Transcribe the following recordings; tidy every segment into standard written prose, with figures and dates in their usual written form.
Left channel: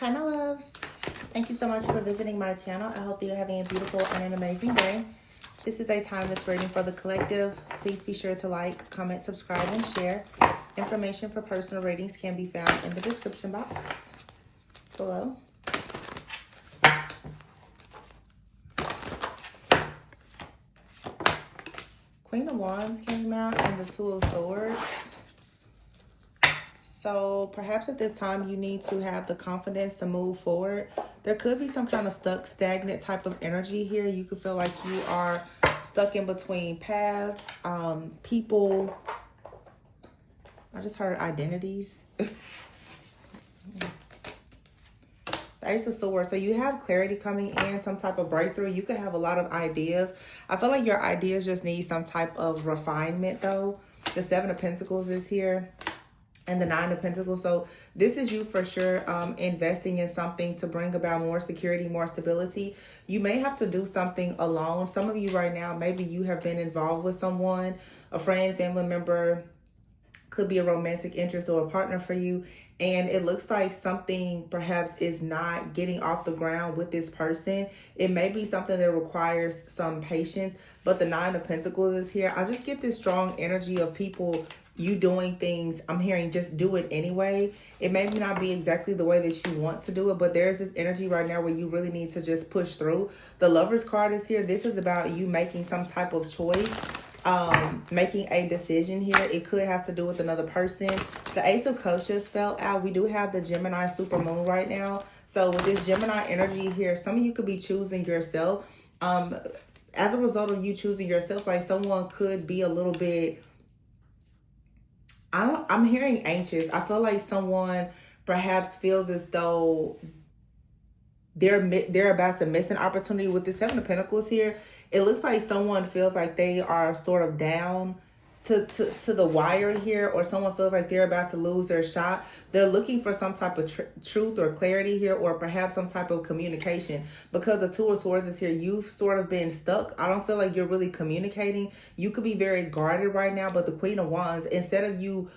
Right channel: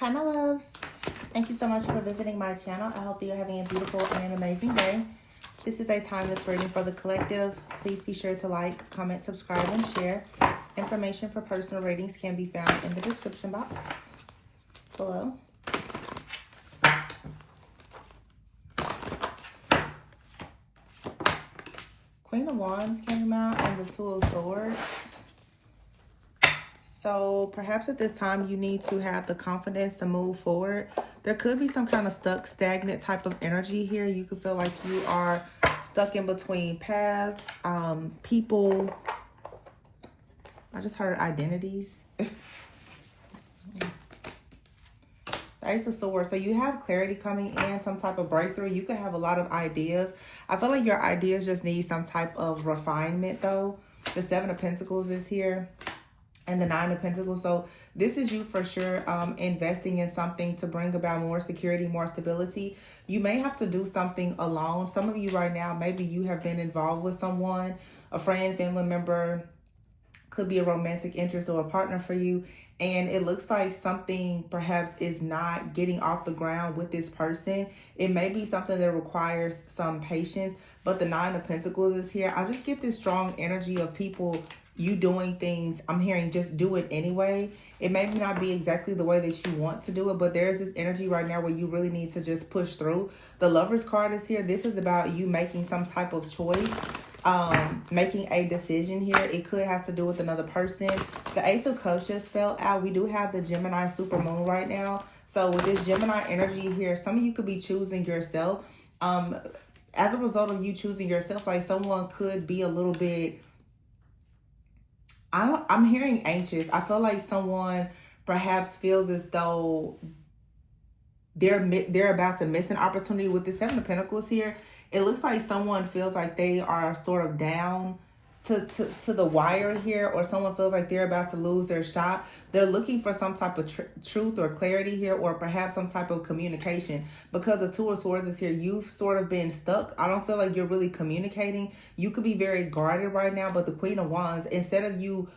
Hi my loves, thank you so much for visiting my channel. I hope that you're having a beautiful and an amazing day. This is a timeless reading for the collective. Please be sure to like, comment, subscribe, and share. Information for personal readings can be found in the description box below. Queen of Wands came out and the Two of Swords. So perhaps at this time you need to have the confidence to move forward. There could be some kind of stuck, stagnant type of energy here. You could feel like you are stuck in between paths, people. I just heard identities. Ace of Swords. So you have clarity coming in, some type of breakthrough. You could have a lot of ideas. I feel like your ideas just need some type of refinement though. The Seven of Pentacles is here. And the Nine of Pentacles. So this is you for sure investing in something to bring about more security, more stability. You may have to do something alone. Some of you right now, maybe you have been involved with someone, a friend, family member, could be a romantic interest or a partner for you. And it looks like something perhaps is not getting off the ground with this person. It may be something that requires some patience, but the Nine of Pentacles is here. I just get this strong energy of people, you doing things. I'm hearing just do it anyway. It may not be exactly the way that you want to do it, but there's this energy right now where you really need to just push through. The Lover's card is here. This is about you making some type of choice, making a decision here. It could have to do with another person. The Ace of Cups just fell out. We do have the Gemini super moon right now. So with this Gemini energy here, some of you could be choosing yourself. As a result of you choosing yourself, like someone could be a little bit, I'm hearing anxious. I feel like someone perhaps feels as though they're about to miss an opportunity. With the Seven of Pentacles here, it looks like someone feels like they are sort of down to the wire here, or someone feels like they're about to lose their shot. They're looking for some type of truth or clarity here, or perhaps some type of communication. Because the Two of Swords is here, you've sort of been stuck. I don't feel like you're really communicating. You could be very guarded right now, but the Queen of Wands, instead of you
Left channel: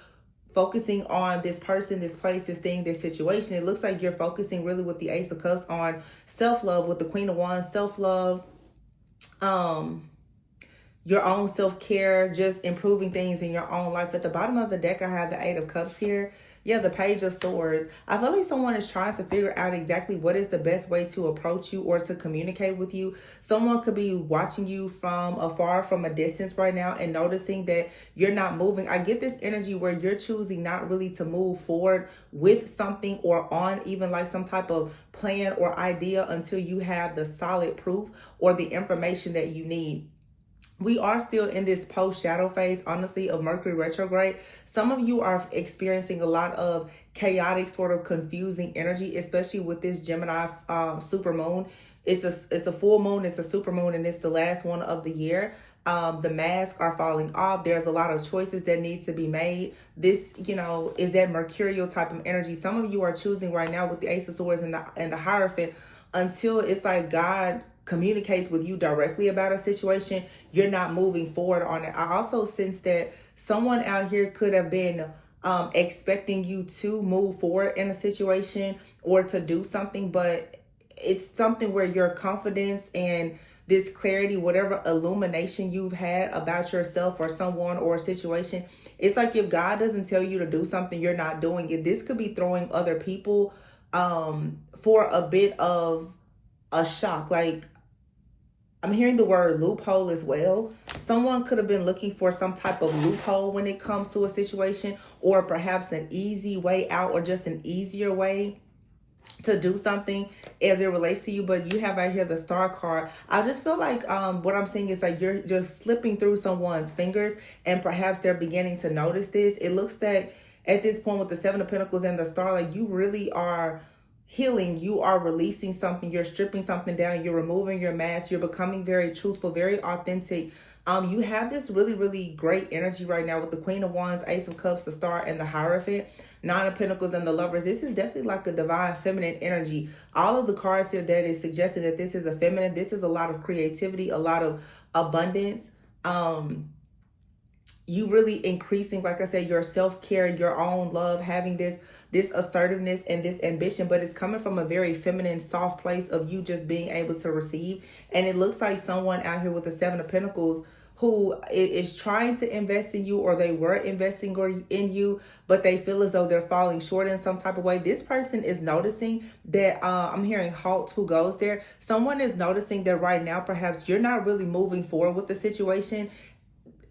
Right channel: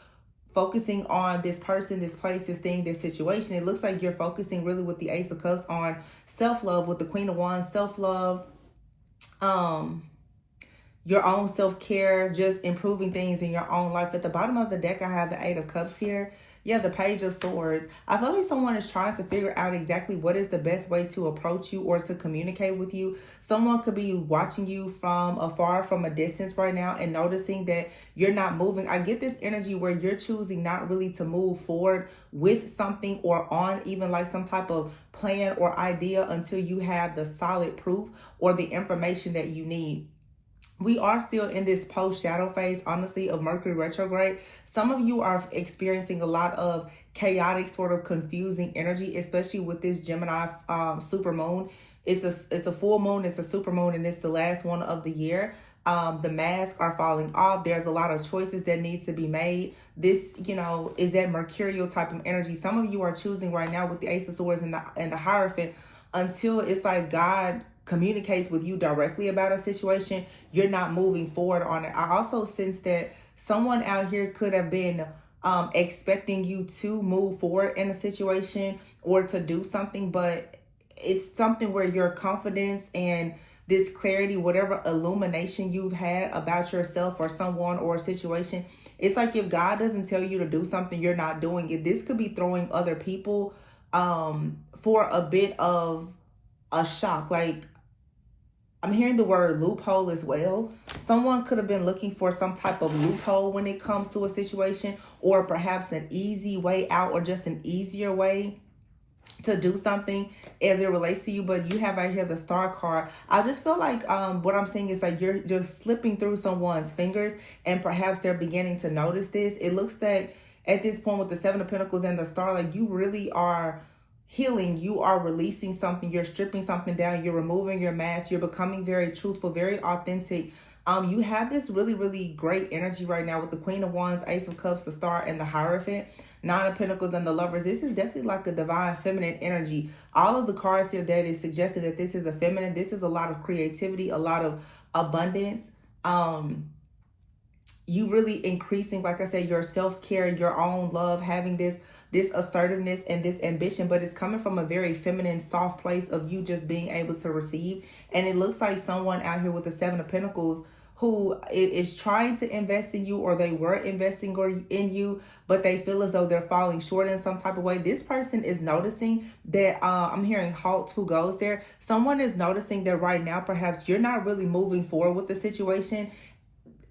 focusing on this person, this place, this thing, this situation, it looks like you're focusing really with the Ace of Cups on self-love. With the Queen of Wands, self-love, your own self-care, just improving things in your own life. At the bottom of the deck, I have the Eight of Cups here. Yeah, the Page of Swords. I feel like someone is trying to figure out exactly what is the best way to approach you or to communicate with you. Someone could be watching you from afar, from a distance right now, and noticing that you're not moving. I get this energy where you're choosing not really to move forward with something or on even like some type of plan or idea until you have the solid proof or the information that you need. We are still in this post-shadow phase, honestly, of Mercury retrograde. Some of you are experiencing a lot of chaotic, sort of confusing energy, especially with this Gemini super moon. It's a full moon, it's a super moon, and it's the last one of the year. The masks are falling off. There's a lot of choices that need to be made. This, you know, is that mercurial type of energy. Some of you are choosing right now with the Ace of Swords and the Hierophant until it's like God communicates with you directly about a situation. You're not moving forward on it. I also sense that someone out here could have been expecting you to move forward in a situation or to do something, but it's something where your confidence and this clarity, whatever illumination you've had about yourself or someone or a situation, it's like if God doesn't tell you to do something, you're not doing it. This could be throwing other people for a bit of a shock. Like, I'm hearing the word loophole as well. Someone could have been looking for some type of loophole when it comes to a situation, or perhaps an easy way out, or just an easier way to do something as it relates to you. But you have right here the Star card. I just feel like what I'm saying is like you're slipping through someone's fingers, and perhaps they're beginning to notice this. It looks like at this point with the Seven of Pentacles and the Star, like you really are healing. You are releasing something. You're stripping something down. You're removing your mask. You're becoming very truthful, very authentic. You have this really, really great energy right now with the Queen of Wands, Ace of Cups, the Star, and the Hierophant, Nine of Pentacles, and the Lovers. This is definitely like the divine feminine energy. All of the cards here today, they suggested that this is a feminine. This is a lot of creativity, a lot of abundance. You really increasing, like I said, your self-care, your own love, having this this assertiveness and this ambition, but it's coming from a very feminine, soft place of you just being able to receive. And it looks like someone out here with the Seven of Pentacles who is trying to invest in you, or they were investing in you, but they feel as though they're falling short in some type of way. This person is noticing that, I'm hearing halt, who goes there. Someone is noticing that right now, perhaps you're not really moving forward with the situation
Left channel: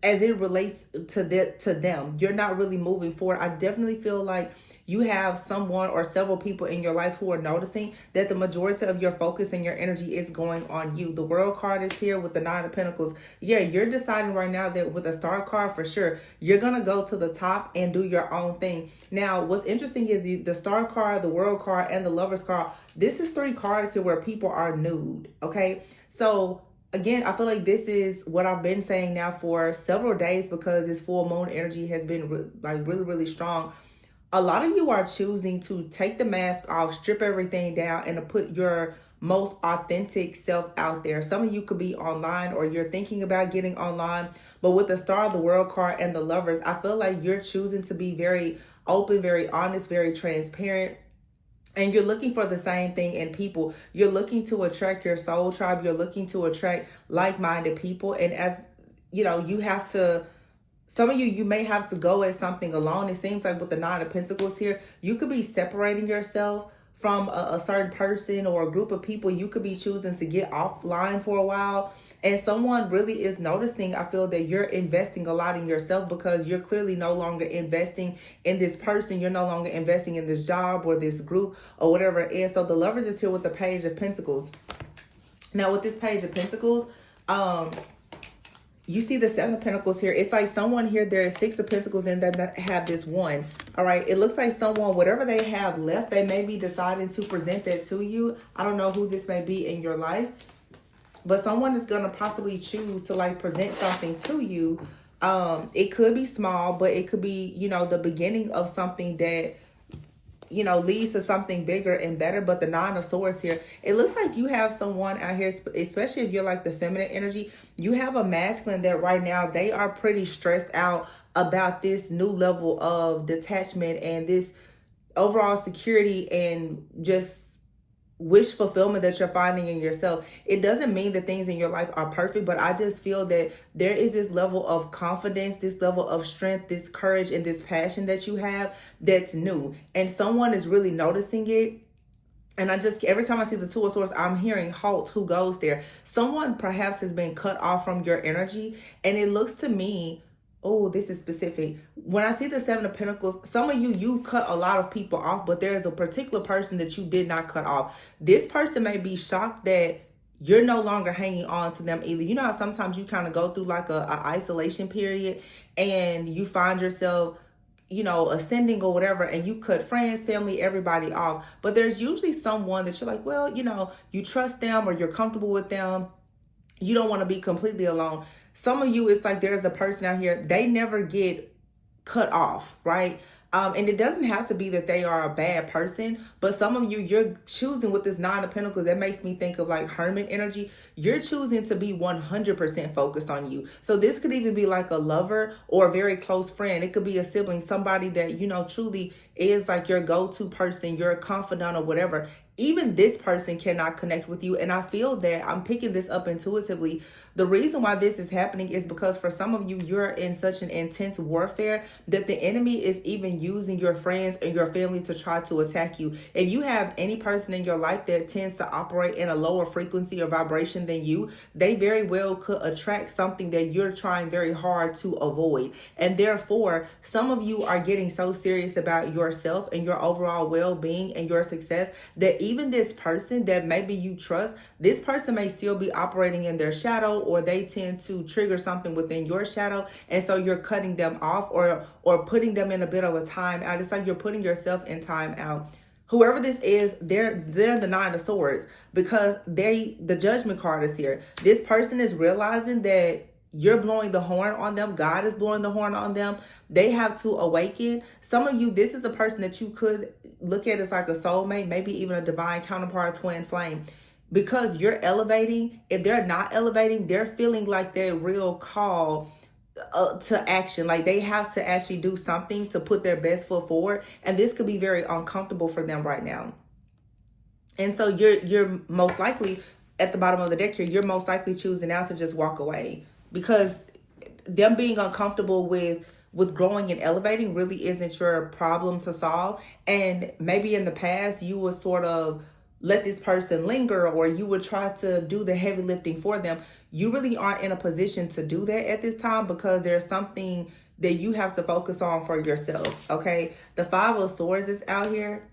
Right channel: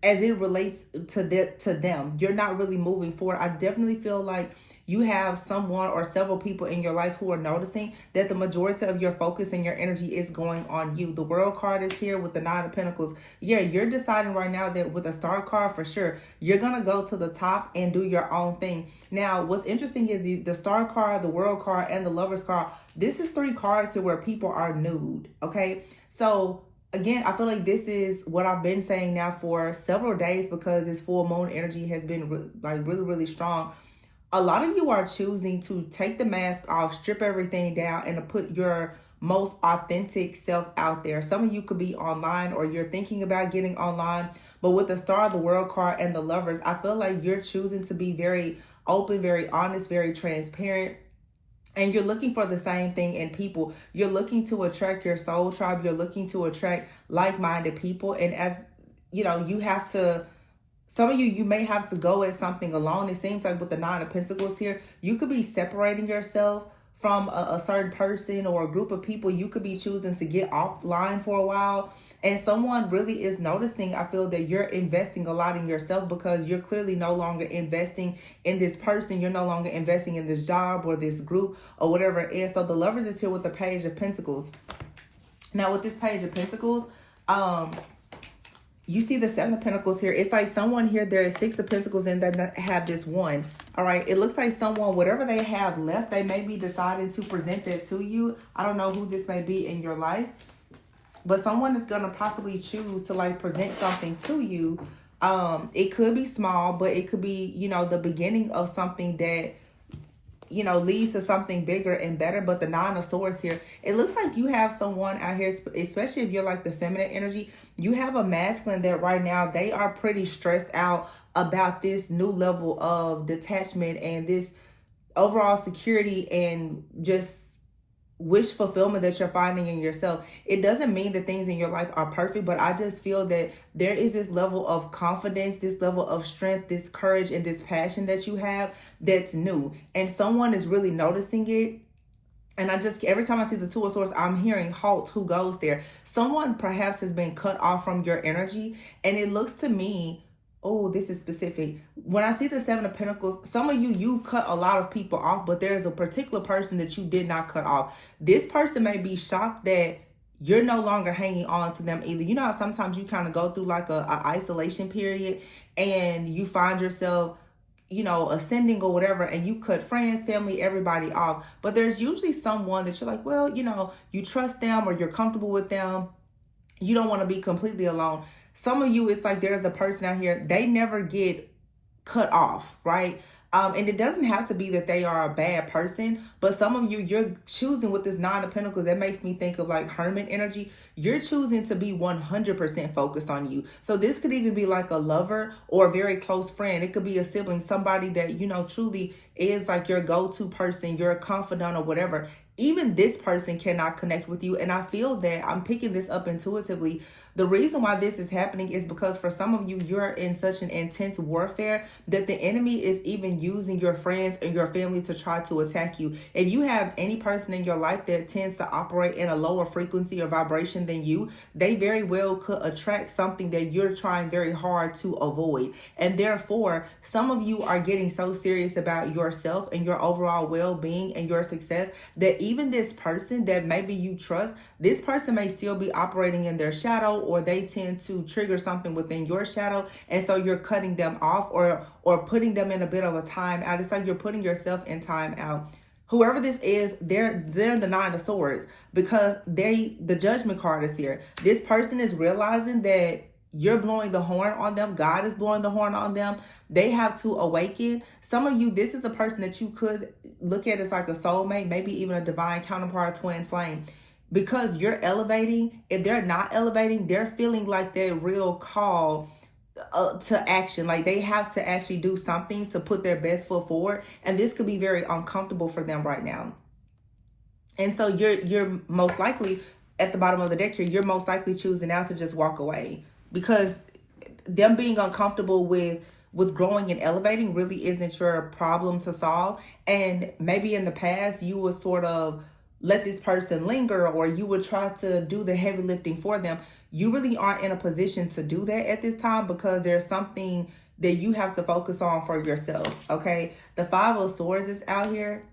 as it relates to them. You're not really moving forward. I definitely feel like you have someone or several people in your life who are noticing that the majority of your focus and your energy is going on you. The World card is here with the Nine of Pentacles. Yeah, you're deciding right now that with a Star card, for sure, you're going to go to the top and do your own thing. Now, what's interesting is the Star card, the World card, and the Lovers card. This is 3 cards here where people are nude, okay? So again, I feel like this is what I've been saying now for several days, because this full moon energy has been really, really strong. A lot of you are choosing to take the mask off, strip everything down, and to put your most authentic self out there. Some of you could be online, or you're thinking about getting online. But with the Star, the World card, and the Lovers, I feel like you're choosing to be very open, very honest, very transparent. And you're looking for the same thing in people. You're looking to attract your soul tribe. You're looking to attract like-minded people. And as you know, you have to, some of you may have to go at something alone. It seems like with the Nine of Pentacles here, you could be separating yourself from a certain person or a group of people. You could be choosing to get offline for a while. And someone really is noticing, I feel, that you're investing a lot in yourself, because you're clearly no longer investing in this person. You're no longer investing in this job or this group or whatever it is. So the Lovers is here with the Page of Pentacles. Now with this Page of Pentacles, you see the Seven of Pentacles here. It's like someone here, there is 6 of Pentacles and they have this 1. All right. It looks like someone, whatever they have left, they may be deciding to present that to you. I don't know who this may be in your life, but someone is going to possibly choose to like present something to you. It could be small, but it could be, you know, the beginning of something that, you know, leads to something bigger and better. But the Nine of Swords here, it looks like you have someone out here, especially if you're like the feminine energy, you have a masculine that right now they are pretty stressed out about this new level of detachment and this overall security and just wish fulfillment that you're finding in yourself. It doesn't mean that things in your life are perfect, but I just feel that there is this level of confidence, this level of strength, this courage, and this passion that you have that's new. And someone is really noticing it. And I just, every time I see the Two of Swords, I'm hearing halt, who goes there. Someone perhaps has been cut off from your energy. And it looks to me, oh, this is specific. When I see the Seven of Pentacles, some of you cut a lot of people off, but there's a particular person that you did not cut off. This person may be shocked that you're no longer hanging on to them either. You know how sometimes you kind of go through like a isolation period and you find yourself, you know, ascending or whatever, and you cut friends, family, everybody off. But there's usually someone that you're like, well, you know, you trust them or you're comfortable with them. You don't want to be completely alone. Some of you, it's like there's a person out here, they never get cut off, right? And it doesn't have to be that they are a bad person, but some of you, you're choosing with this Nine of Pentacles, that makes me think of like hermit energy. You're choosing to be 100% focused on you. So this could even be like a lover or a very close friend. It could be a sibling, somebody that, you know, truly is like your go-to person, your confidant or whatever. Even this person cannot connect with you. And I feel that I'm picking this up intuitively. The reason why this is happening is because for some of you, you're in such an intense warfare that the enemy is even using your friends and your family to try to attack you. If you have any person in your life that tends to operate in a lower frequency or vibration than you, they very well could attract something that you're trying very hard to avoid. And therefore, some of you are getting so serious about yourself and your overall well-being and your success that even this person that maybe you trust, this person may still be operating in their shadow, or they tend to trigger something within your shadow. And so you're cutting them off or putting them in a bit of a time out. It's like you're putting yourself in time out. Whoever this is, they're the Nine of Swords, because the Judgment card is here. This person is realizing that you're blowing the horn on them. God is blowing the horn on them. They have to awaken. Some of you, this is a person that you could look at as like a soulmate, maybe even a divine counterpart, twin flame. Because you're elevating, if they're not elevating, they're feeling like their real call to action. Like they have to actually do something to put their best foot forward, and this could be very uncomfortable for them right now. And so you're most likely at the bottom of the deck here, you're most likely choosing now to just walk away, because them being uncomfortable with growing and elevating really isn't your problem to solve. And maybe in the past you would sort of let this person linger, or you would try to do the heavy lifting for them. You really aren't in a position to do that at this time, because there's something that you have to focus on for yourself. Okay, the Five of Swords is out here.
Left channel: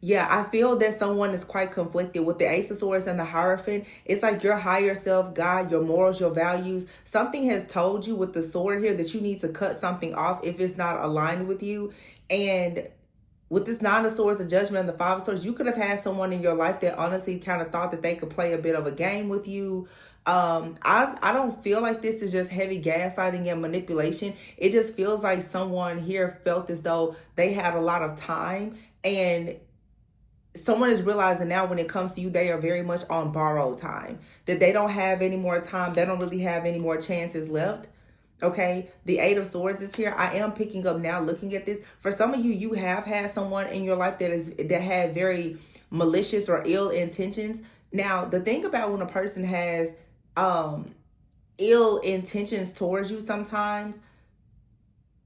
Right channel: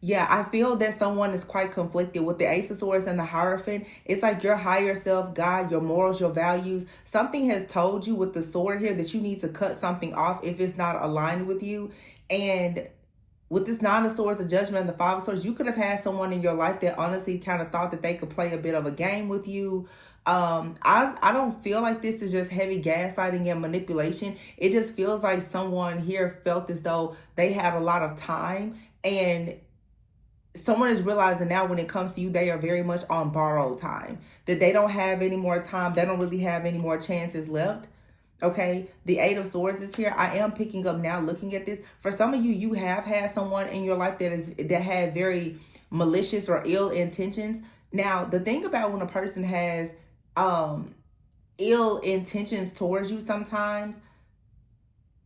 Yeah, I feel that someone is quite conflicted with the Ace of Swords and the Hierophant. It's like your higher self, God, your morals, your values. Something has told you with the sword here that you need to cut something off if it's not aligned with you. And with this Nine of Swords, the Judgment, and the Five of Swords, you could have had someone in your life that honestly kind of thought that they could play a bit of a game with you. I don't feel like this is just heavy gaslighting and manipulation. It just feels like someone here felt as though they had a lot of time, and someone is realizing now when it comes to you, they are very much on borrowed time, that they don't have any more time. They don't really have any more chances left. Okay, the Eight of Swords is here. I am picking up now looking at this. For some of you, you have had someone in your life that had very malicious or ill intentions. Now, the thing about when a person has ill intentions towards you, sometimes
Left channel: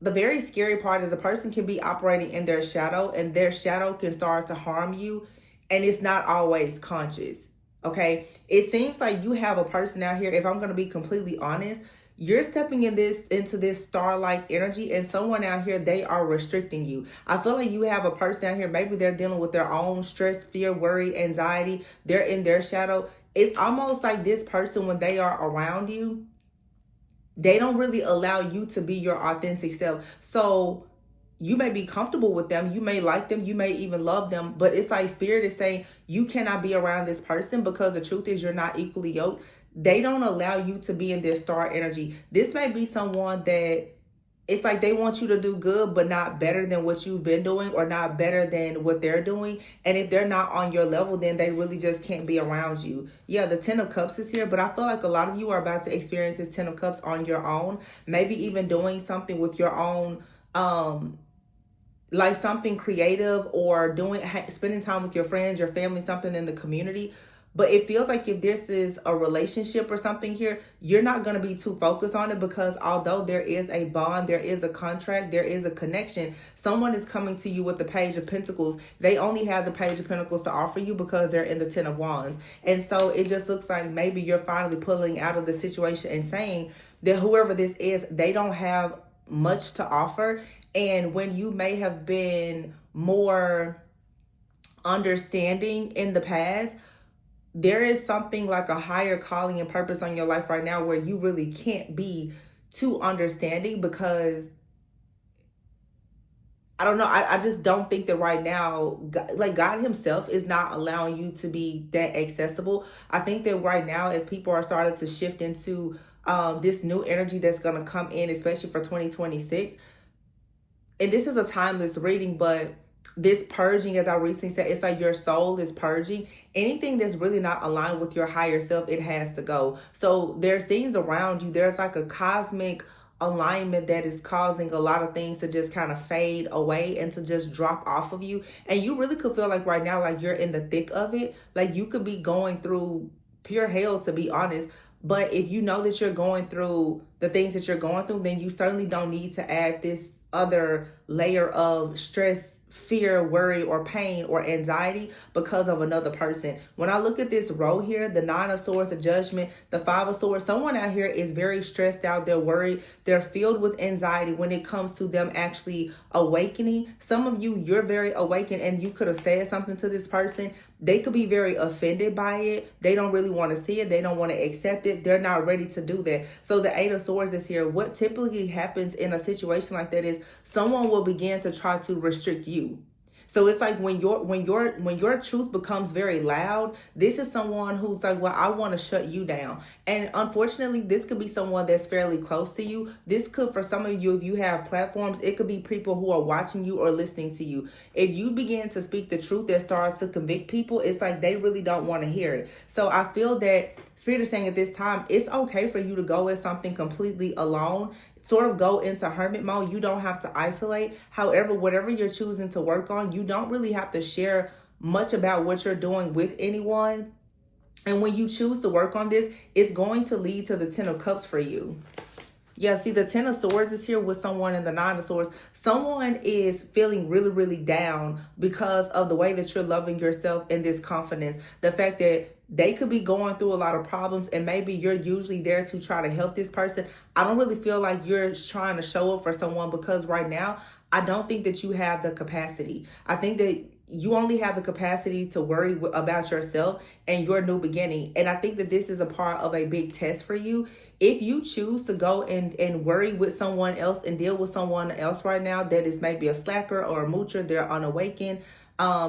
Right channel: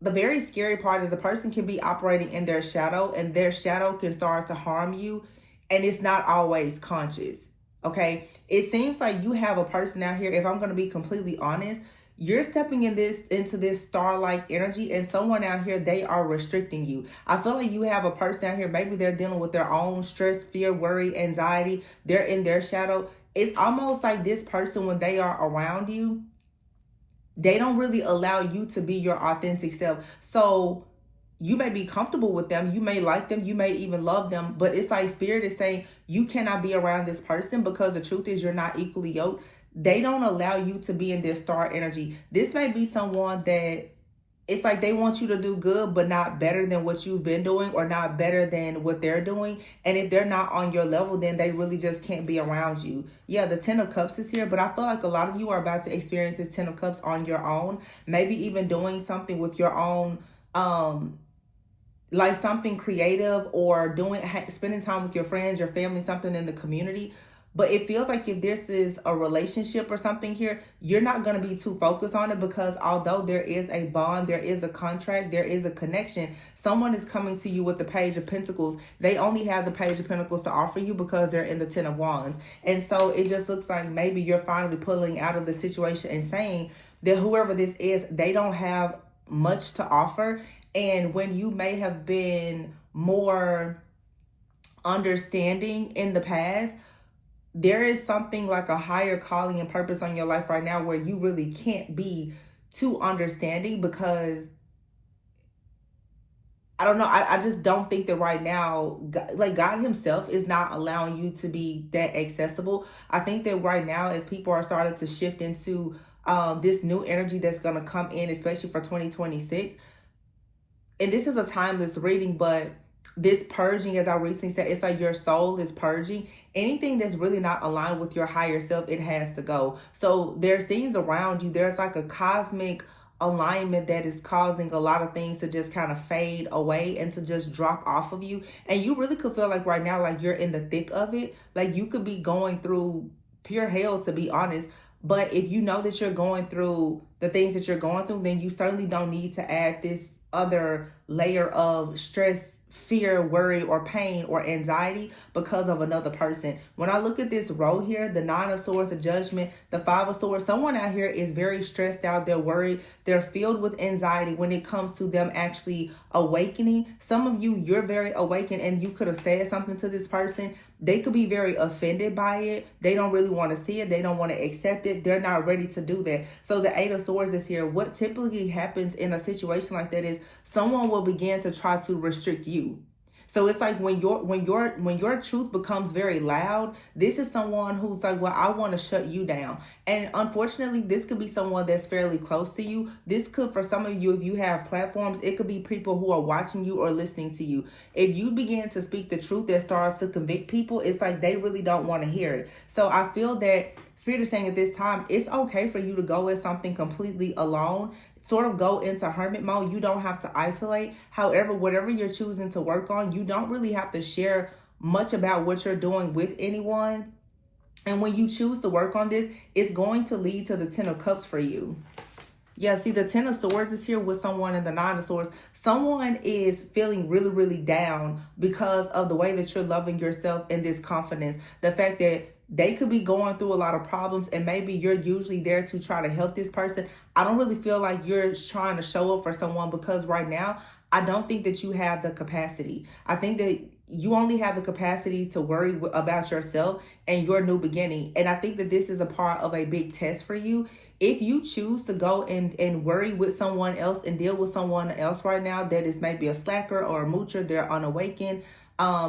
the very scary part is a person can be operating in their shadow, and their shadow can start to harm you, and it's not always conscious. Okay, it seems like you have a person out here, if I'm going to be completely honest, you're stepping into this star-like energy, and someone out here, they are restricting you. I feel like you have a person out here, maybe they're dealing with their own stress, fear, worry, anxiety. They're in their shadow. It's almost like this person, when they are around you, they don't really allow you to be your authentic self. So you may be comfortable with them, you may like them, you may even love them, but it's like Spirit is saying you cannot be around this person, because the truth is you're not equally yoked. They don't allow you to be in their star energy. This may be someone that it's like they want you to do good, but not better than what you've been doing, or not better than what they're doing. And if they're not on your level, then they really just can't be around you. Yeah, the Ten of Cups is here, but I feel like a lot of you are about to experience this Ten of Cups on your own. Maybe even doing something with your own, like something creative, or spending time with your friends, your family, something in the community. But it feels like if this is a relationship or something here, you're not going to be too focused on it, because although there is a bond, there is a contract, there is a connection, someone is coming to you with the Page of Pentacles. They only have the Page of Pentacles to offer you because they're in the Ten of Wands. And so it just looks like maybe you're finally pulling out of the situation and saying that whoever this is, they don't have much to offer. And when you may have been more understanding in the past, there is something like a higher calling and purpose on your life right now where you really can't be too understanding, because I don't know. I just don't think that right now, like God himself is not allowing you to be that accessible. I think that right now, as people are starting to shift into this new energy that's going to come in, especially for 2026, and this is a timeless reading, but this purging, as I recently said, it's like your soul is purging. Anything that's really not aligned with your higher self, it has to go. So there's things around you. There's like a cosmic alignment that is causing a lot of things to just kind of fade away and to just drop off of you. And you really could feel like right now, like you're in the thick of it. Like you could be going through pure hell, to be honest. But if you know that you're going through the things that you're going through, then you certainly don't need to add this other layer of stress, fear, worry, or pain or anxiety because of another person. When I look at this row here, the Nine of Swords, the Judgment, the Five of Swords, someone out here is very stressed out. They're worried. They're filled with anxiety when it comes to them actually awakening. Some of you, you're very awakened, and you could have said something to this person. They could be very offended by it. They don't really want to see it. They don't want to accept it. They're not ready to do that. So the Eight of Swords is here. What typically happens in a situation like that is someone will begin to try to restrict you. So it's like when your truth becomes very loud, this is someone who's like, well, I want to shut you down. And unfortunately, this could be someone that's fairly close to you. This could, for some of you, if you have platforms, it could be people who are watching you or listening to you. If you begin to speak the truth that starts to convict people, it's like they really don't want to hear it. So I feel that Spirit is saying at this time, it's okay for you to go with something completely alone. Sort of go into hermit mode. You don't have to isolate. However, whatever you're choosing to work on, you don't really have to share much about what you're doing with anyone. And when you choose to work on this, it's going to lead to the 10 of Cups for you. Yeah, see, the 10 of Swords is here with someone and the 9 of Swords. Someone is feeling really, really down because of the way that you're loving yourself and this confidence. The fact that they could be going through a lot of problems and maybe you're usually there to try to help this person. I don't really feel like you're trying to show up for someone because right now, I don't think that you have the capacity. I think that you only have the capacity to worry about yourself and your new beginning. And I think that this is a part of a big test for you. If you choose to go and worry with someone else and deal with someone else right now that is maybe a slacker or a moocher, they're unawakened,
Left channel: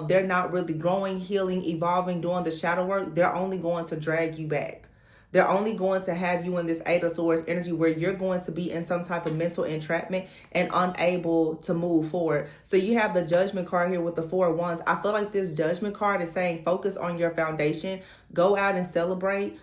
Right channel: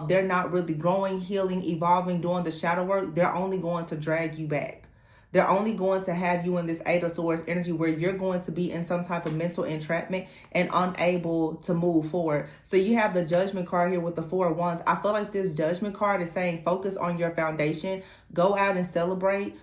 they're not really growing, healing, evolving, doing the shadow work, they're only going to drag you back. They're only going to have you in this 8 of Swords energy where you're going to be in some type of mental entrapment and unable to move forward. So you have the Judgment card here with the 4 of Wands. I feel like this Judgment card is saying focus on your foundation. Go out and celebrate.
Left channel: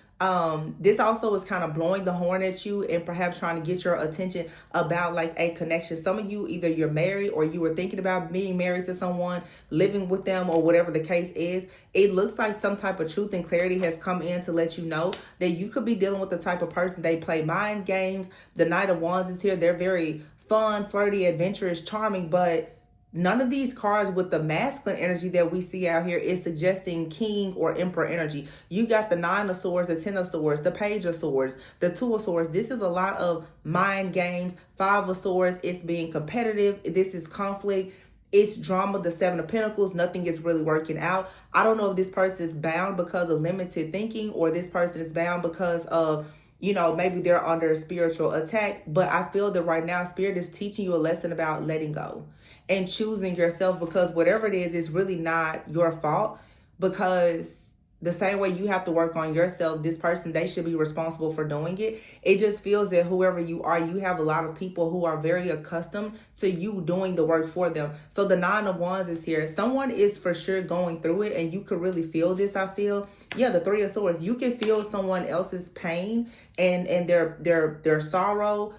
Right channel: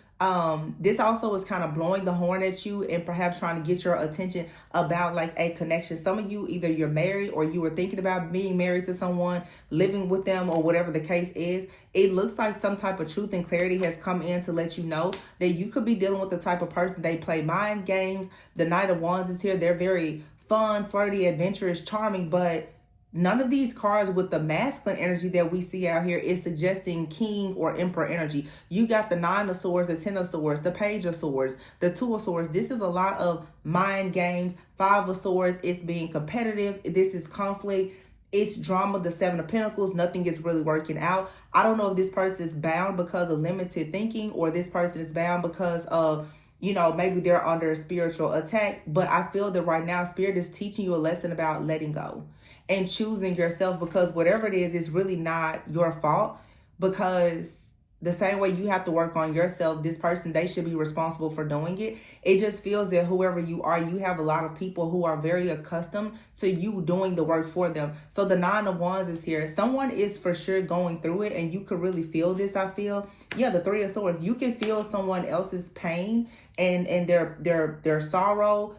This also is kind of blowing the horn at you and perhaps trying to get your attention about like a connection. Some of you, either you're married or you were thinking about being married to someone, living with them, or whatever the case is. It looks like some type of truth and clarity has come in to let you know that you could be dealing with the type of person they play mind games. The Knight of Wands is here. They're very fun, flirty, adventurous, charming, but none of these cards with the masculine energy that we see out here is suggesting king or emperor energy. You got the 9 of Swords, the 10 of Swords, the Page of Swords, the 2 of Swords. This is a lot of mind games. 5 of Swords, it's being competitive. This is conflict. It's drama, the 7 of Pentacles. Nothing is really working out. I don't know if this person is bound because of limited thinking or this person is bound because of, you know, maybe they're under a spiritual attack. But I feel that right now, Spirit is teaching you a lesson about letting go and choosing yourself, because whatever it is, it's really not your fault, because the same way you have to work on yourself, this person, they should be responsible for doing it. It just feels that whoever you are, you have a lot of people who are very accustomed to you doing the work for them. So the 9 of Wands is here. Someone is for sure going through it, and you could really feel this, I feel. Yeah, the 3 of Swords. You can feel someone else's pain and their sorrow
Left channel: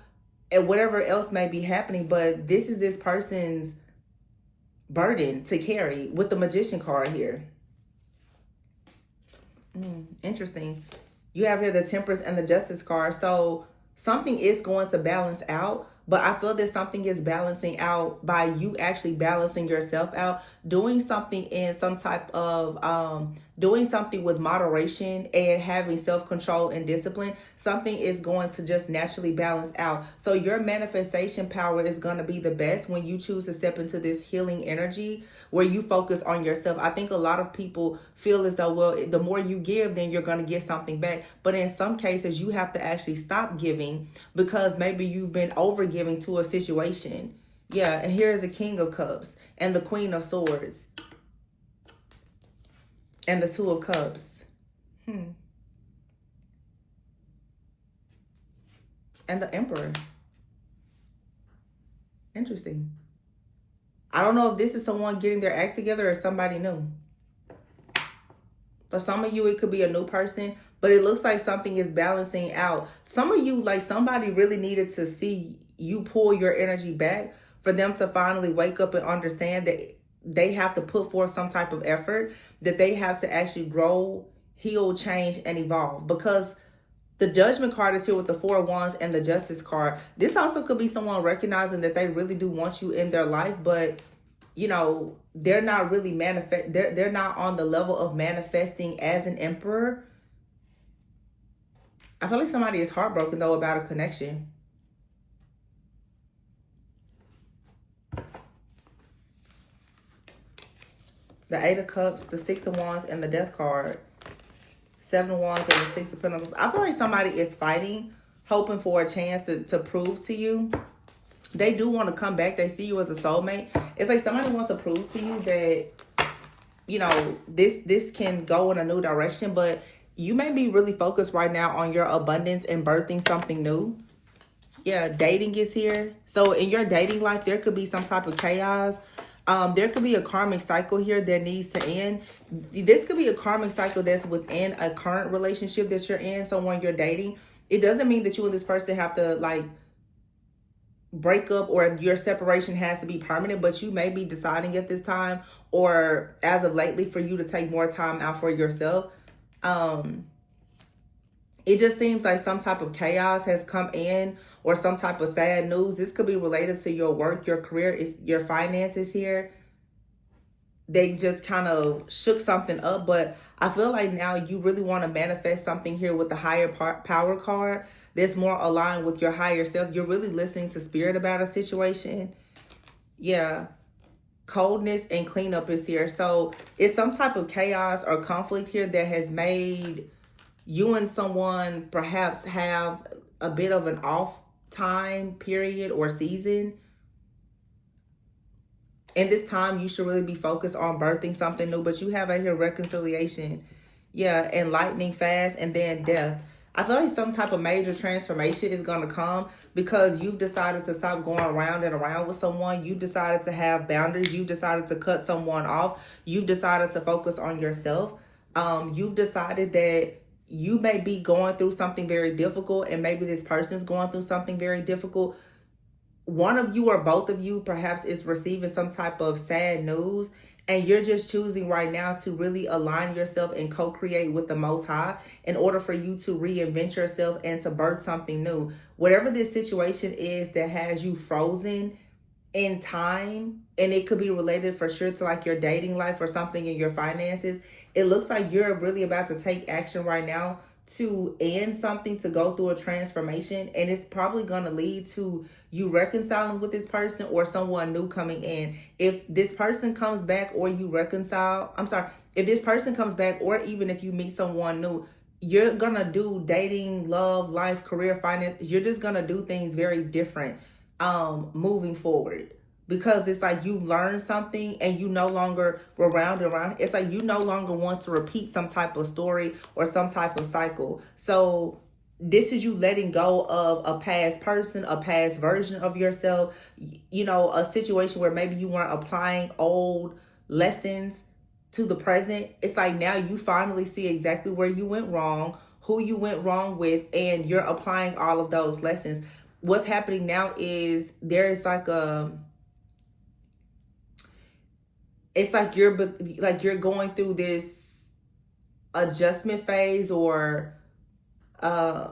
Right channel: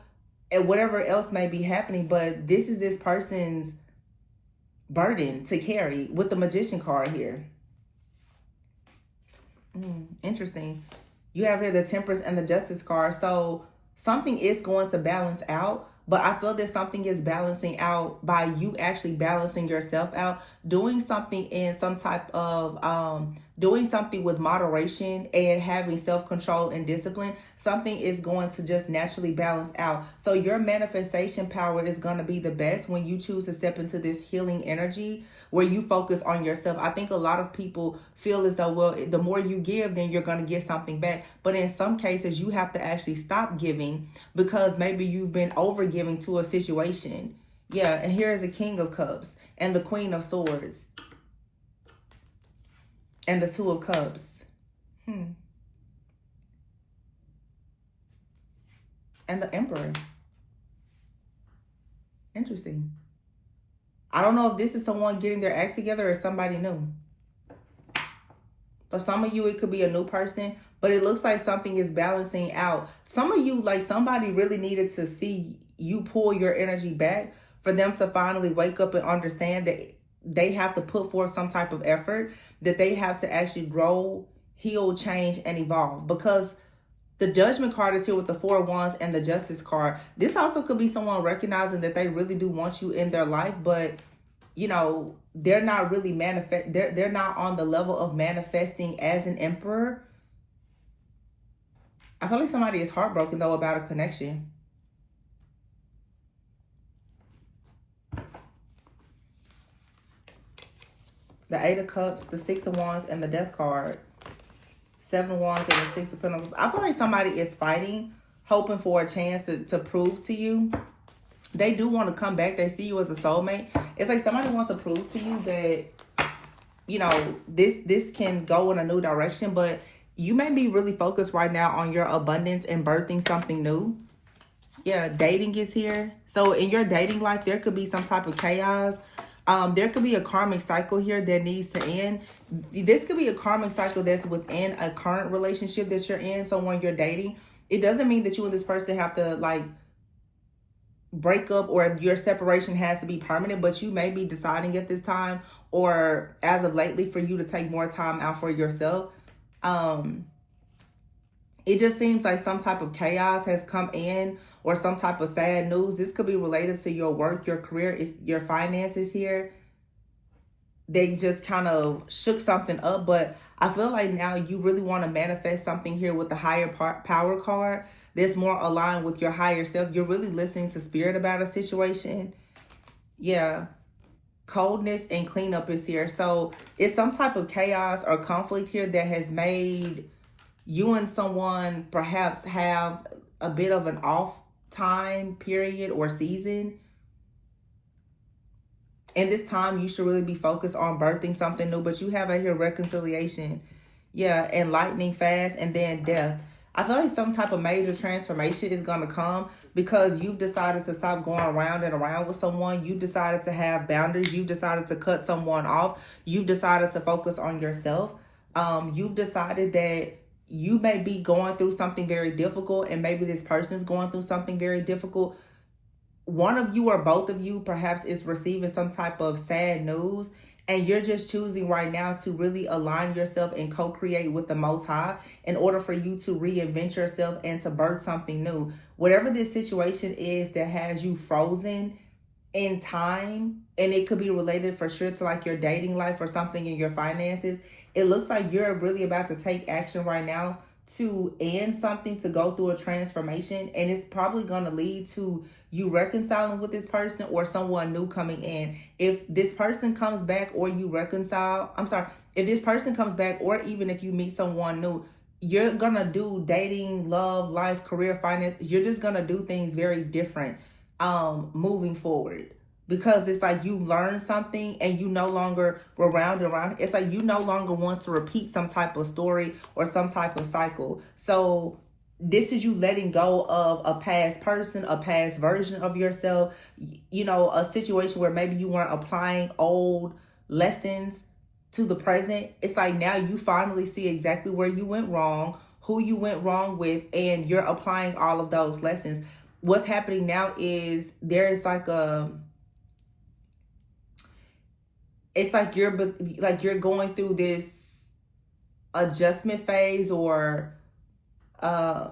and whatever else may be happening, but this is this person's burden to carry with the Magician card here. Interesting. You have here the Temperance and the Justice card. So something is going to balance out, but I feel that something is balancing out by you actually balancing yourself out, doing something in some type of, doing something with moderation and having self-control and discipline. Something is going to just naturally balance out. So your manifestation power is going to be the best when you choose to step into this healing energy where you focus on yourself. I think a lot of people feel as though, well, the more you give, then you're going to get something back. But in some cases, you have to actually stop giving because maybe you've been over giving to a situation. Yeah, and here's the King of Cups and the Queen of Swords and the 2 of Cups. And the Emperor. Interesting. I don't know if this is someone getting their act together or somebody new. For some of you, it could be a new person, but it looks like something is balancing out. Some of you, like somebody really needed to see you pull your energy back for them to finally wake up and understand that they have to put forth some type of effort, that they have to actually grow, heal, change, and evolve. Because the Judgment card is here with the 4 of Wands and the Justice card. This also could be someone recognizing that they really do want you in their life, but you know, they're not really they're not on the level of manifesting as an emperor. I feel like somebody is heartbroken though about a connection. The 8 of Cups, the 6 of Wands, and the Death card. 7 of Wands and the 6 of Pentacles. I feel like somebody is fighting, hoping for a chance to prove to you They do want to come back. They see you as a soulmate. It's like somebody wants to prove to you that, you know, this can go in a new direction, but you may be really focused right now on your abundance and birthing something new. Yeah, dating is here. So in your dating life, there could be some type of chaos. There could be a karmic cycle here that needs to end. This could be a karmic cycle that's within a current relationship that you're in, someone you're dating. It doesn't mean that you and this person have to like break up or your separation has to be permanent, but you may be deciding at this time or as of lately for you to take more time out for yourself. It just seems like some type of chaos has come in or some type of sad news. This could be related to your work, your career, your finances here. They just kind of shook something up, but I feel like now you really want to manifest something here with the higher power card that's more aligned with your higher self. You're really listening to spirit about a situation. Yeah. Coldness and cleanup is here. So it's some type of chaos or conflict here that has made you and someone perhaps have a bit of an off time period or season. And this time you should really be focused on birthing something new, but you have out here reconciliation. Yeah, enlightening fast, and then death. I feel like some type of major transformation is going to come because you've decided to stop going around and around with someone. You decided to have boundaries. You decided to cut someone off. You've decided to focus on yourself. You've decided that you may be going through something very difficult, and maybe this person's going through something very difficult. One of you or both of you perhaps is receiving some type of sad news, and you're just choosing right now to really align yourself and co-create with the Most High in order for you to reinvent yourself and to birth something new. Whatever this situation is that has you frozen in time, and it could be related for sure to like your dating life or something in your finances, it looks like you're really about to take action right now to end something, to go through a transformation, and it's probably going to lead to you reconciling with this person or someone new coming in. If this person comes back or you reconcile, if this person comes back or even if you meet someone new, you're going to do dating, love, life, career, finance. You're just going to do things very different moving forward. Because it's like you learn something and you no longer round and round. It's like you no longer want to repeat some type of story or some type of cycle. So this is you letting go of a past person, a past version of yourself, you know, a situation where maybe you weren't applying old lessons to the present. It's like now you finally see exactly where you went wrong, who you went wrong with, and you're applying all of those lessons. What's happening now is there is like it's like you're going through this adjustment phase, or I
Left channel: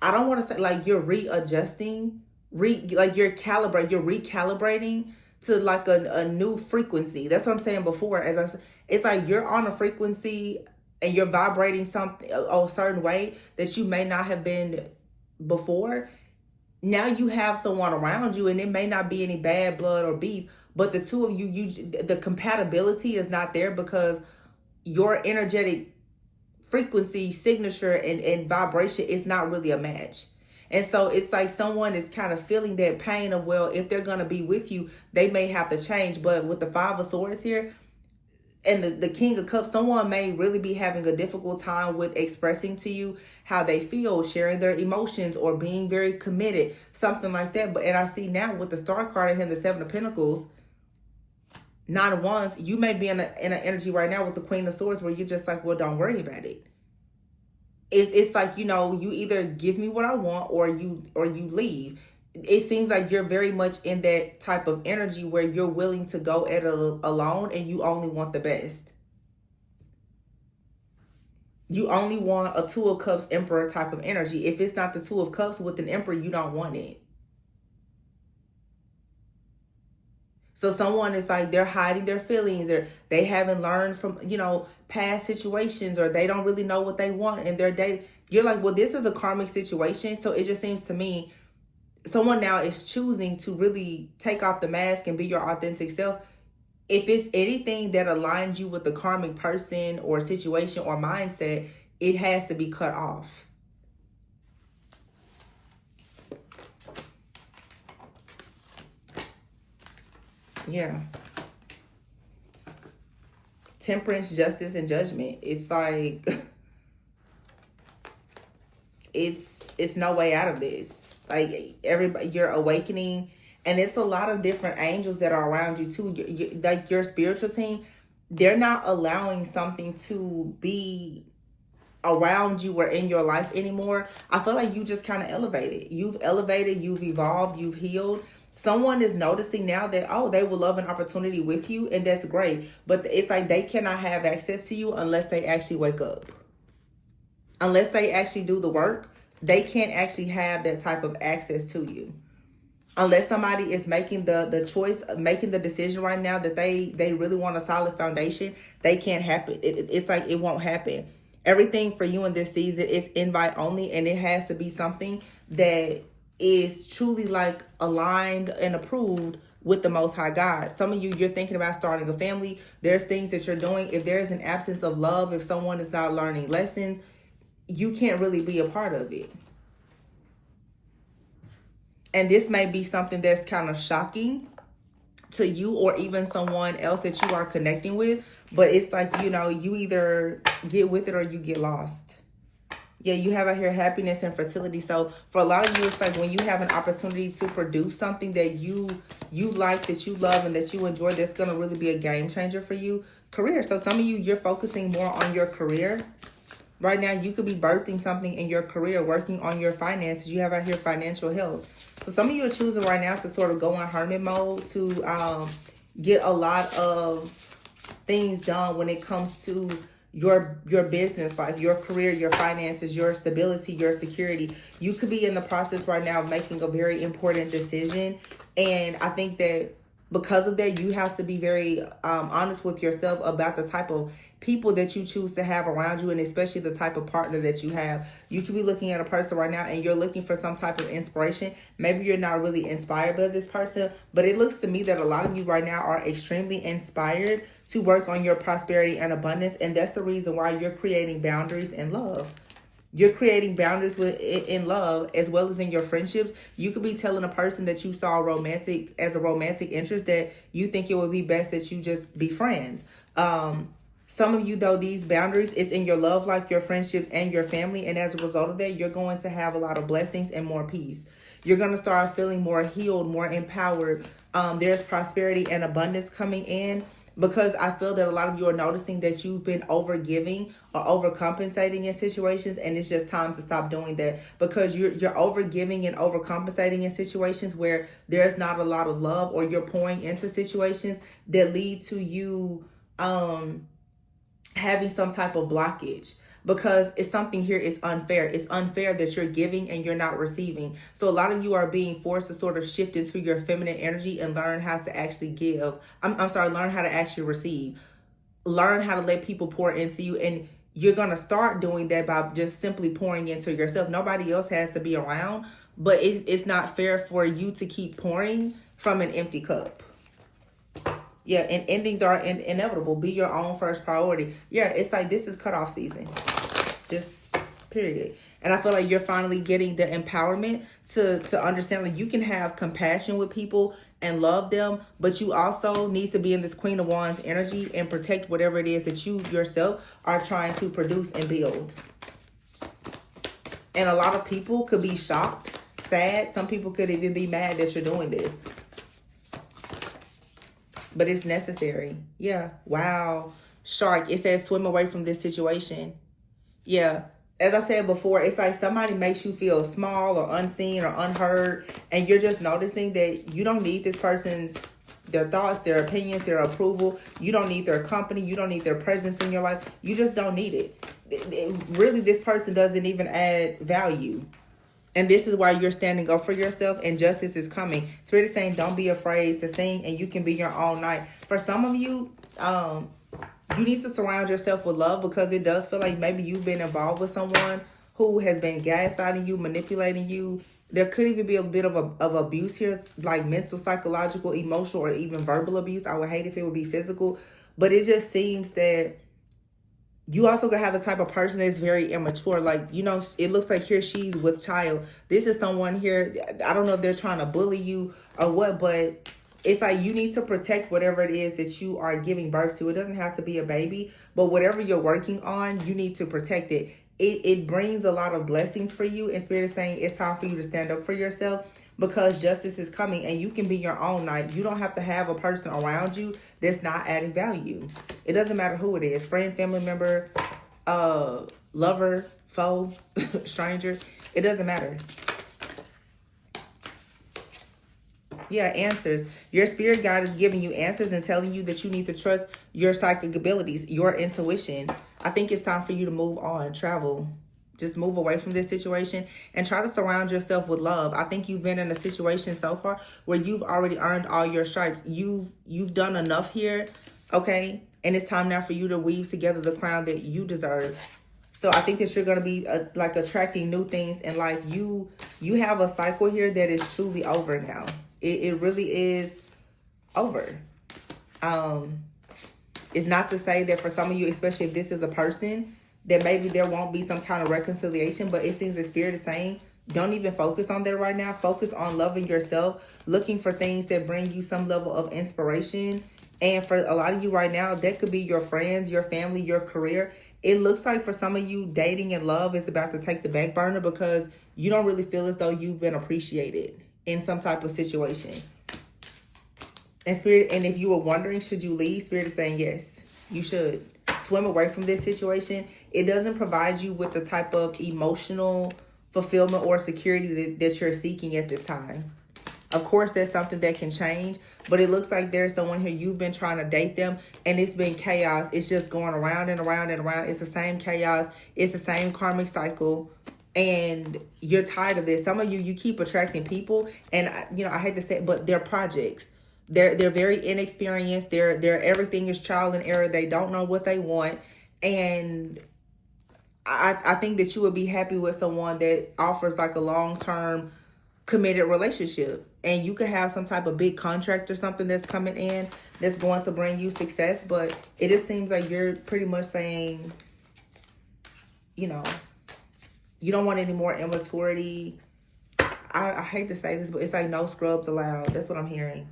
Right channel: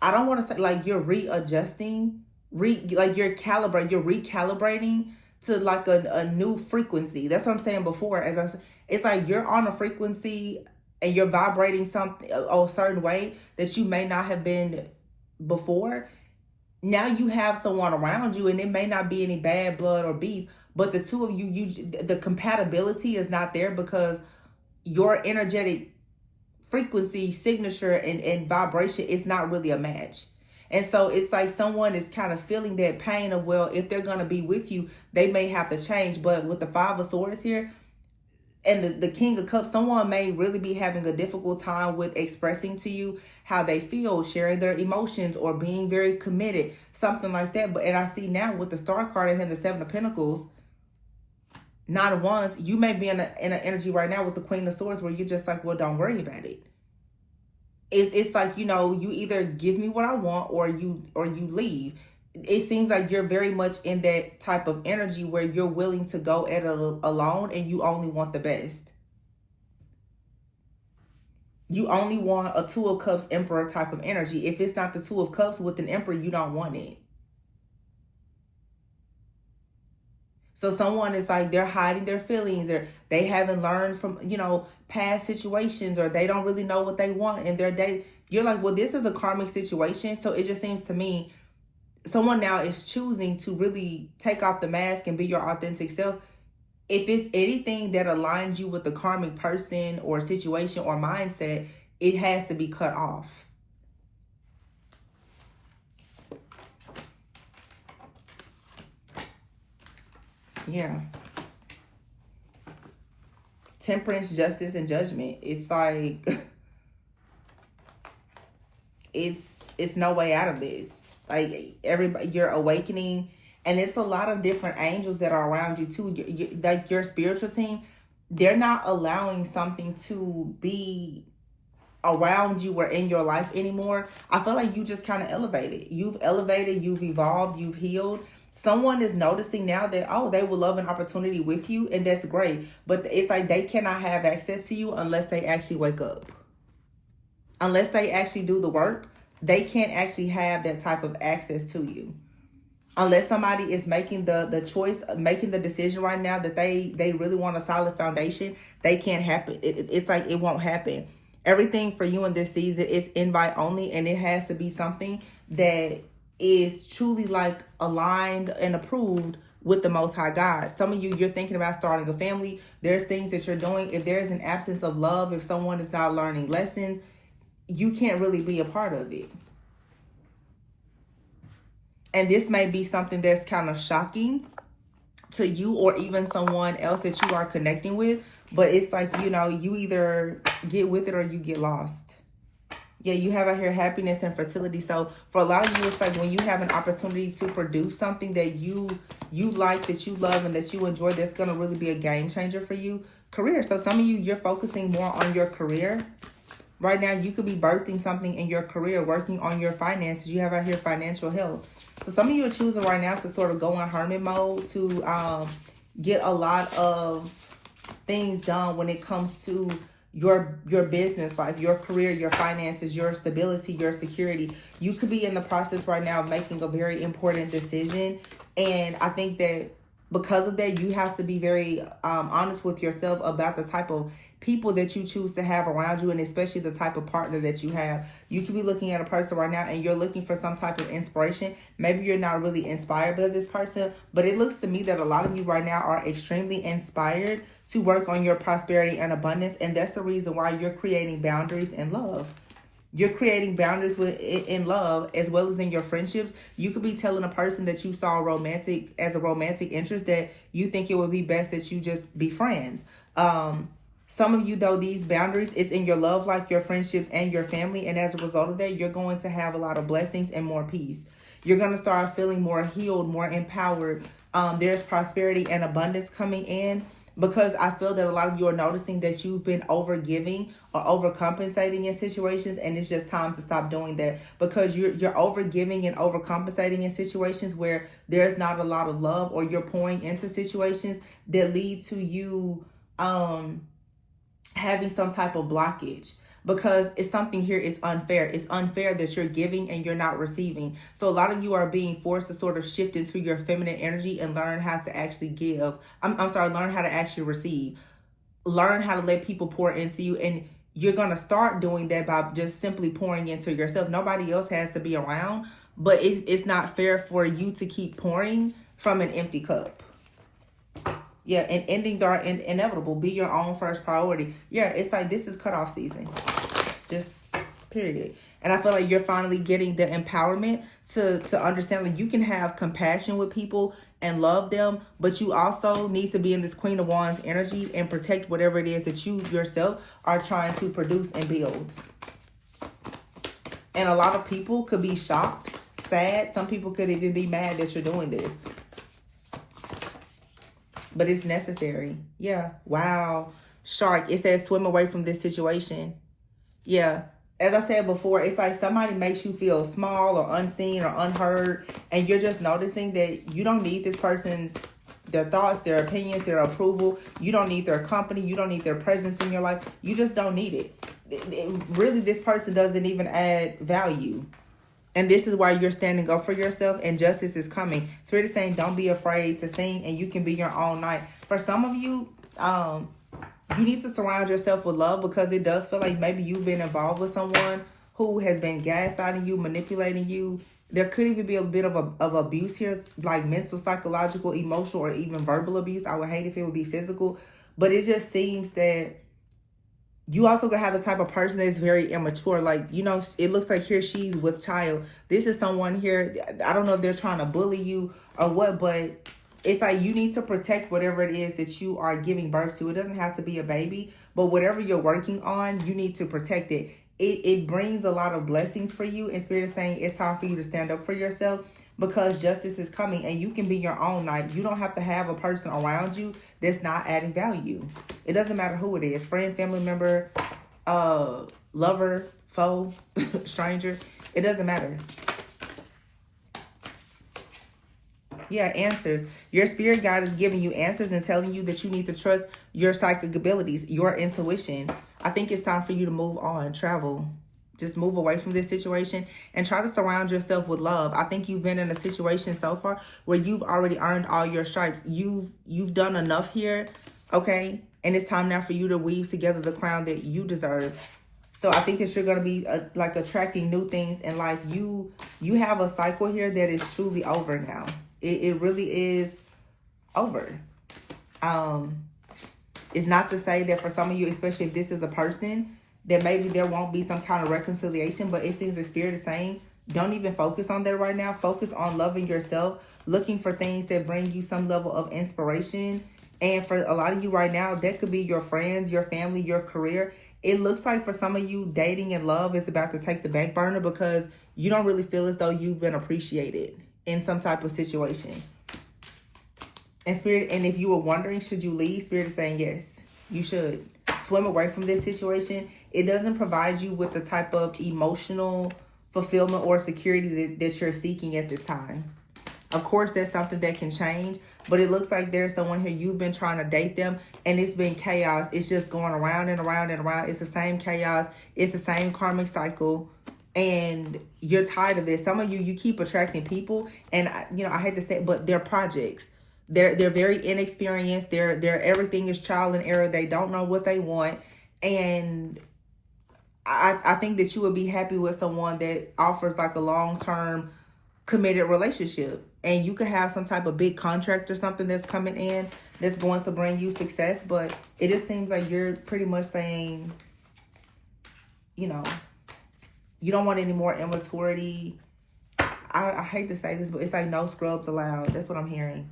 don't want to say like you're readjusting, you're recalibrating to like a new frequency. That's what I'm saying before. It's like you're on a frequency and you're vibrating something a certain way that you may not have been before. Now you have someone around you, and it may not be any bad blood or beef, but the two of you, the compatibility is not there because your energetic frequency, signature, and vibration is not really a match. And so it's like someone is kind of feeling that pain of, well, if they're going to be with you, they may have to change. But with the Five of Swords here and the King of Cups, someone may really be having a difficult time with expressing to you how they feel, sharing their emotions, or being very committed, something like that. And I see now with the Star card and the Seven of Pentacles, Nine of Wands, you may be in an energy right now with the Queen of Swords where you're just like, well, don't worry about it. It's like, you know, you either give me what I want or you leave. It seems like you're very much in that type of energy where you're willing to go at it alone and you only want the best. You only want a Two of Cups Emperor type of energy. If it's not the Two of Cups with an Emperor, you don't want it. So someone is like, they're hiding their feelings, or they haven't learned from, you know, past situations, or they don't really know what they want in their day. You're like, well, this is a karmic situation. So it just seems to me someone now is choosing to really take off the mask and be your authentic self. If it's anything that aligns you with the karmic person or situation or mindset, it has to be cut off. Yeah. Temperance, justice, and judgment. It's like it's no way out of this. Like everybody, you're awakening, and it's a lot of different angels that are around you too. Like your spiritual team, they're not allowing something to be around you or in your life anymore. I feel like you just kind of elevated. You've elevated, you've evolved, you've healed. Someone is noticing now that, oh, they will love an opportunity with you, and that's great. But it's like they cannot have access to you unless they actually wake up. Unless they actually do the work, they can't actually have that type of access to you. Unless somebody is making the choice, making the decision right now that they really want a solid foundation, they can't happen. It's like it won't happen. Everything for you in this season is invite only, and it has to be something that is truly like aligned and approved with the Most High God. Some of you, you're thinking about starting a family. There's things that you're doing. If there is an absence of love, if someone is not learning lessons, you can't really be a part of it. And this may be something that's kind of shocking to you or even someone else that you are connecting with. But it's like, you know, you either get with it or you get lost. Yeah, you have out here happiness and fertility. So for a lot of you, it's like when you have an opportunity to produce something that you like, that you love, and that you enjoy, that's going to really be a game changer for you. Career. So some of you, you're focusing more on your career. Right now, you could be birthing something in your career, working on your finances. You have out here financial health. So some of you are choosing right now to sort of go in hermit mode to get a lot of things done when it comes to your business life, your career, your finances, your stability, your security. You could be in the process right now of making a very important decision. And I think that because of that, you have to be very honest with yourself about the type of people that you choose to have around you, and especially the type of partner that you have. You could be looking at a person right now and you're looking for some type of inspiration. Maybe you're not really inspired by this person, but it looks to me that a lot of you right now are extremely inspired to work on your prosperity and abundance, and that's the reason why you're creating boundaries in love. You're creating boundaries in love as well as in your friendships. You could be telling a person that you saw as a romantic interest that you think it would be best that you just be friends. Some of you, though, these boundaries is in your love life, your friendships, and your family. And as a result of that, you're going to have a lot of blessings and more peace. You're going to start feeling more healed, more empowered. There's prosperity and abundance coming in, because I feel that a lot of you are noticing that you've been overgiving or overcompensating in situations, and it's just time to stop doing that, because you're overgiving and overcompensating in situations where there's not a lot of love, or you're pouring into situations that lead to you having some type of blockage, because it's something here is unfair. It's unfair that you're giving and you're not receiving. So a lot of you are being forced to sort of shift into your feminine energy and learn how to actually give. Learn how to actually receive. Learn how to let people pour into you. And you're going to start doing that by just simply pouring into yourself. Nobody else has to be around, but it's not fair for you to keep pouring from an empty cup. Yeah, and endings are inevitable. Be your own first priority. Yeah, it's like this is cutoff season. Just period. And I feel like you're finally getting the empowerment to understand that you can have compassion with people and love them, but you also need to be in this Queen of Wands energy and protect whatever it is that you yourself are trying to produce and build. And a lot of people could be shocked, sad. Some people could even be mad that you're doing this. But it's necessary. Yeah. Wow. Shark. It says swim away from this situation. Yeah. As I said before, it's like somebody makes you feel small or unseen or unheard. And you're just noticing that you don't need this person's, their thoughts, their opinions, their approval. You don't need their company. You don't need their presence in your life. You just don't need it. Really, this person doesn't even add value. And this is why you're standing up for yourself, and justice is coming. Spirit is saying, don't be afraid to sing, and you can be your own knight. For some of you, you need to surround yourself with love, because it does feel like maybe you've been involved with someone who has been gaslighting you, manipulating you. There could even be a bit of abuse here, like mental, psychological, emotional, or even verbal abuse. I would hate if it would be physical, but it just seems that you also gonna have the type of person that's very immature. Like, you know, it looks like here she's with child. This is someone here, I don't know if they're trying to bully you or what, but it's like you need to protect whatever it is that you are giving birth to. It doesn't have to be a baby, but whatever you're working on, you need to protect it. It brings a lot of blessings for you. And Spirit is saying it's time for you to stand up for yourself, because justice is coming and you can be your own knight. You don't have to have a person around you that's not adding value. It doesn't matter who it is. Friend, family member, lover, foe, stranger. It doesn't matter. Yeah, answers. Your spirit guide is giving you answers and telling you that you need to trust your psychic abilities, your intuition. I think it's time for you to move on, travel. Just move away from this situation and try to surround yourself with love. I think you've been in a situation so far where you've already earned all your stripes. You've done enough here, okay? And it's time now for you to weave together the crown that you deserve. So I think that you're going to be like attracting new things in life. You have a cycle here that is truly over now. It really is over. It's not to say that for some of you, especially if this is a person, that maybe there won't be some kind of reconciliation, but it seems the spirit is saying, don't even focus on that right now. Focus on loving yourself, looking for things that bring you some level of inspiration. And for a lot of you right now, that could be your friends, your family, your career. It looks like for some of you, dating and love is about to take the back burner because you don't really feel as though you've been appreciated in some type of situation. And Spirit, and if you were wondering, should you leave? Spirit is saying, yes, you should. Swim away from this situation. It doesn't provide you with the type of emotional fulfillment or security that you're seeking at this time. Of course, that's something that can change, but it looks like there's someone here, you've been trying to date them, and it's been chaos. It's just going around and around and around. It's the same chaos. It's the same karmic cycle, and you're tired of this. Some of you keep attracting people, and I hate to say it, but they're projects. They're very inexperienced. They're everything is trial and error. They don't know what they want, and I think that you would be happy with someone that offers like a long-term committed relationship, and you could have some type of big contract or something that's coming in that's going to bring you success. But it just seems like you're pretty much saying, you don't want any more immaturity. I hate to say this, but it's like no scrubs allowed. That's what I'm hearing.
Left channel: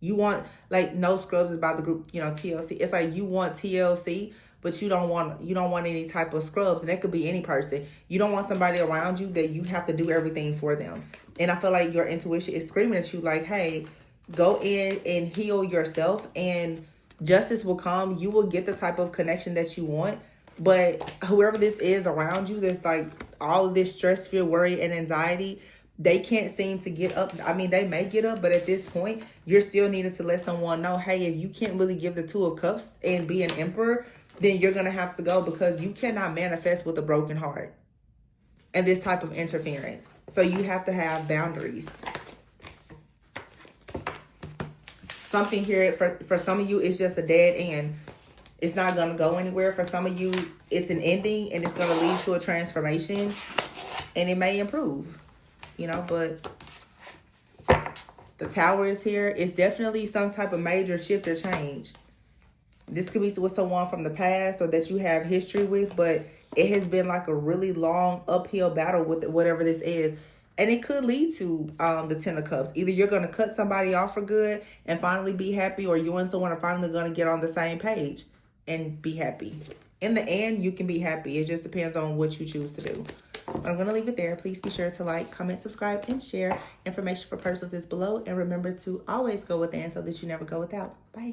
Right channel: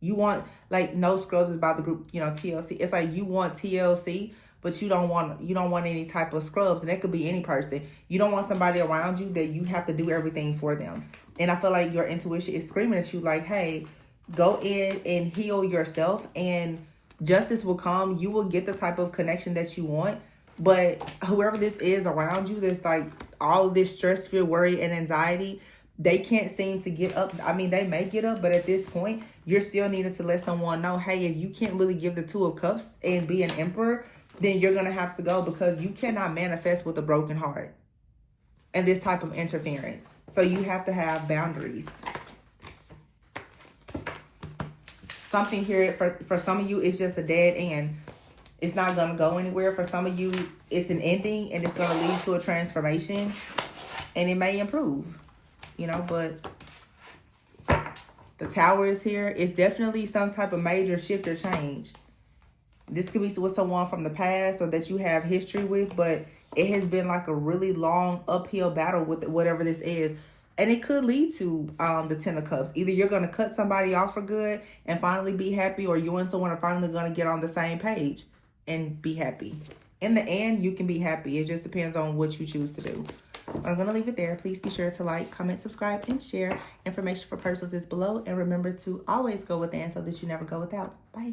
You want like no scrubs about the group, TLC. It's like you want TLC, but you don't want any type of scrubs, and that could be any person. You don't want somebody around you that you have to do everything for them. And I feel like your intuition is screaming at you like, hey, go in and heal yourself, and justice will come. You will get the type of connection that you want. But whoever this is around you, that's like all of this stress, fear, worry, and anxiety, they can't seem to get up. I mean, they may get up, but at this point, you're still needing to let someone know, hey, if you can't really give the Two of Cups and be an emperor, then you're going to have to go, because you cannot manifest with a broken heart and this type of interference. So you have to have boundaries. Something here for some of you is just a dead end. It's not going to go anywhere. For some of you, it's an ending, and it's going to lead to a transformation, and it may improve, but the Tower is here. It's definitely some type of major shift or change. This could be with someone from the past or that you have history with, but it has been like a really long uphill battle with whatever this is. And it could lead to the Ten of Cups. Either you're going to cut somebody off for good and finally be happy, or you and someone are finally going to get on the same page and be happy. In the end, you can be happy. It just depends on what you choose to do. I'm going to leave it there. Please be sure to like, comment, subscribe, and share. Information for purchases is below. And remember to always go within so that you never go without. Bye.